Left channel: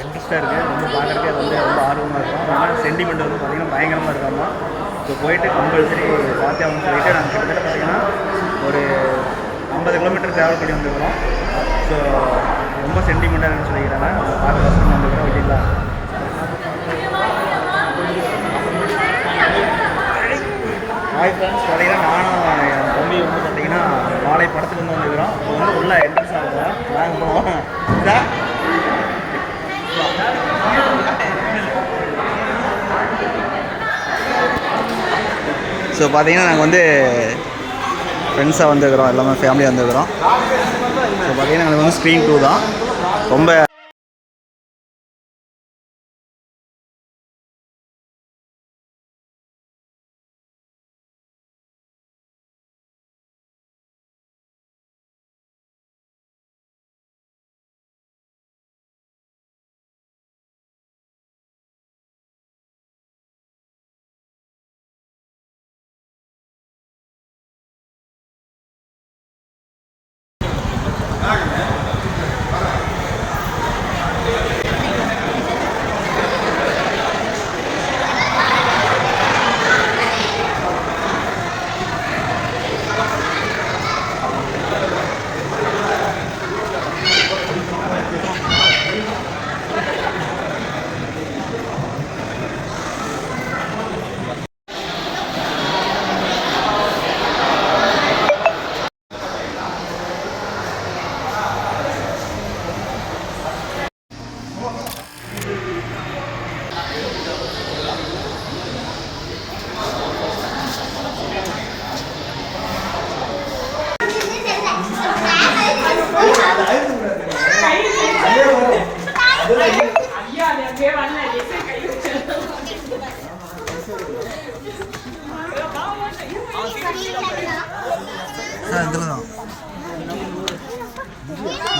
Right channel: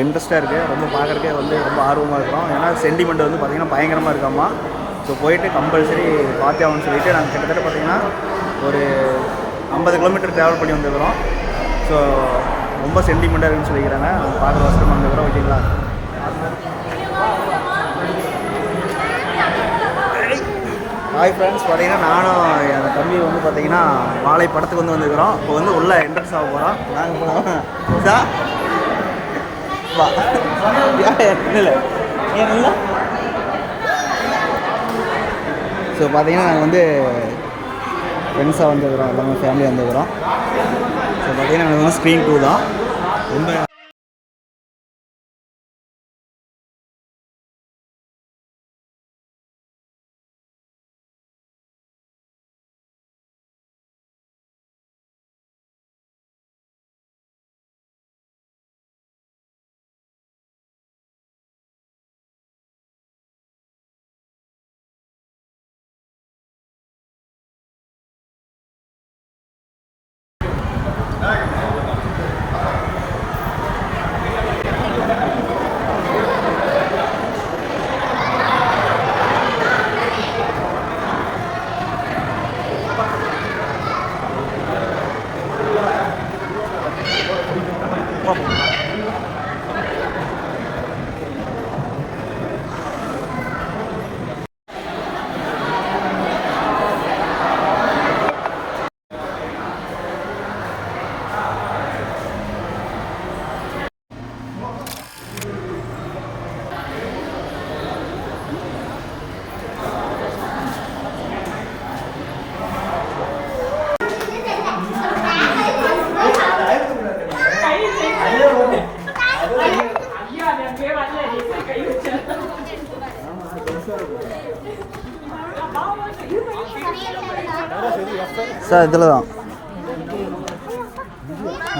இன்ட்ரெஸ்ட்டாக இருக்குது ரொம்ப பார்க்குறக்கே வந்து ரொம்ப ஆர்வமாக இருக்கிறோம். ஏன்னா சென்டிமெண்ட் வந்து பார்த்திங்கன்னா பயங்கரமாக இருக்காமா ஸோ போயிட்டு கம்பல்சரி பார்த்தே சொல்லிட்டு நாங்கள் கிட்டத்தட்ட பார்த்திங்கன்னா ஒரு ஐம்பது கிலோமீட்டர் ட்ராவல் பண்ணி வந்துருக்கிறோம். ஸோ ரொம்ப சென்டிமெண்ட்டாக இருக்குன்னு சொல்லிக்கிறாங்க. பார்க்குற வசதி வந்துக்கிறோம் ஓகேங்களா? ஹாய் ஃப்ரெண்ட்ஸ் பார்த்தீங்கன்னா நானும் என் தம்பி வந்து பார்த்தீங்கன்னா வாழை படத்துக்கு வந்து வந்துருக்கிறோம். இப்போ வந்து உள்ளே என்ட்ரன்ஸ் ஆக போகிறோம் நாங்கள் போகலாம் இதா வா. ஸோ பார்த்தீங்கன்னா நாங்கள் வந்து ஃப்ரெண்ட்ஸாக வந்துருக்குறோம் எல்லாமே ஃபேமிலியாக வந்துருக்குறோம். ஸோ பார்த்தீங்கன்னா எங்களுக்கு வந்து ஸ்க்ரீன் டூ தான். ரொம்ப சார் இதில் தான்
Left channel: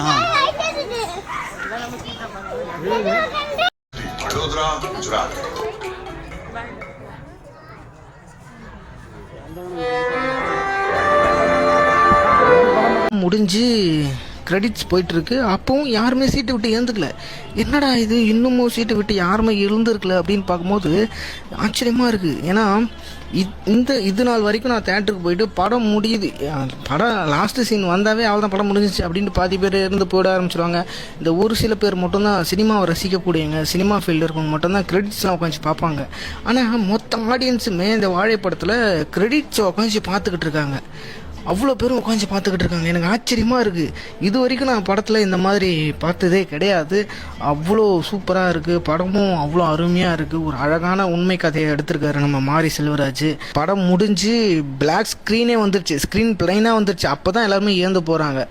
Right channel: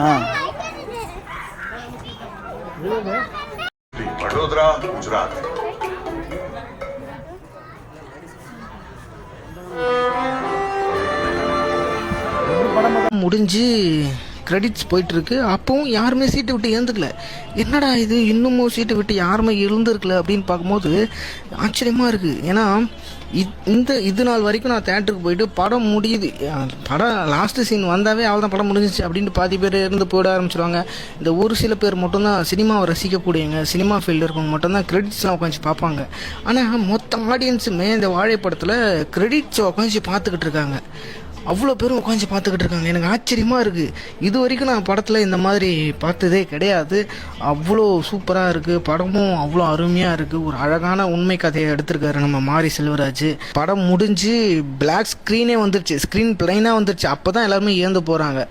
ஆ. வடோதரா குஜராத். முடிஞ்சு கிரெடிட்ஸ் போயிட்டுருக்கு. அப்பவும் யாருமே சீட்டை விட்டு எழுந்துக்கல என்னடா இது? இன்னமும் சீட்டை விட்டு யாருமே எழுந்திருக்கல அப்படின்னு பார்க்கும்போது ஆச்சரியமாக இருக்குது ஏன்னா இந்த இது நாள் வரைக்கும் நான் தேட்டருக்கு போயிட்டு படம் முடியுது. படம் லாஸ்ட்டு சீன் வந்தாவே அவள் தான் படம் முடிஞ்சிச்சு அப்படின்ட்டு பாதி பேர் இருந்து போயிட ஆரம்பிச்சிருவாங்க. இந்த ஒரு சில பேர் மட்டும்தான் சினிமாவை ரசிக்கக்கூடியவங்க சினிமா ஃபீல்டில் இருக்கவங்க மட்டும்தான் கிரெடிட்ஸ்லாம் உட்காந்து பார்ப்பாங்க. ஆனால் மொத்த ஆடியன்ஸுமே இந்த வாழைப்படத்தில் கிரெடிட்ஸை உட்காந்து பார்த்துக்கிட்டு இருக்காங்க. அவ்வளோ பேரும் உட்காந்து பார்த்துக்கிட்டு இருக்காங்க. எனக்கு ஆச்சரியமாக இருக்குது இது வரைக்கும் நான் படத்தில் இந்த மாதிரி பார்த்ததே கிடையாது. அவ்வளோ சூப்பராக இருக்குது படமும் அவ்வளோ அருமையாக இருக்குது ஒரு அழகான உண்மை கதையை எடுத்திருக்காரு நம்ம மாரி செல்வராஜ். படம் முடிஞ்சு பிளாக் ஸ்க்ரீனே வந்துருச்சு. ஸ்க்ரீன் பிளைனாக வந்துருச்சு. அப்போ தான் எல்லாருமே இழந்து போகிறாங்க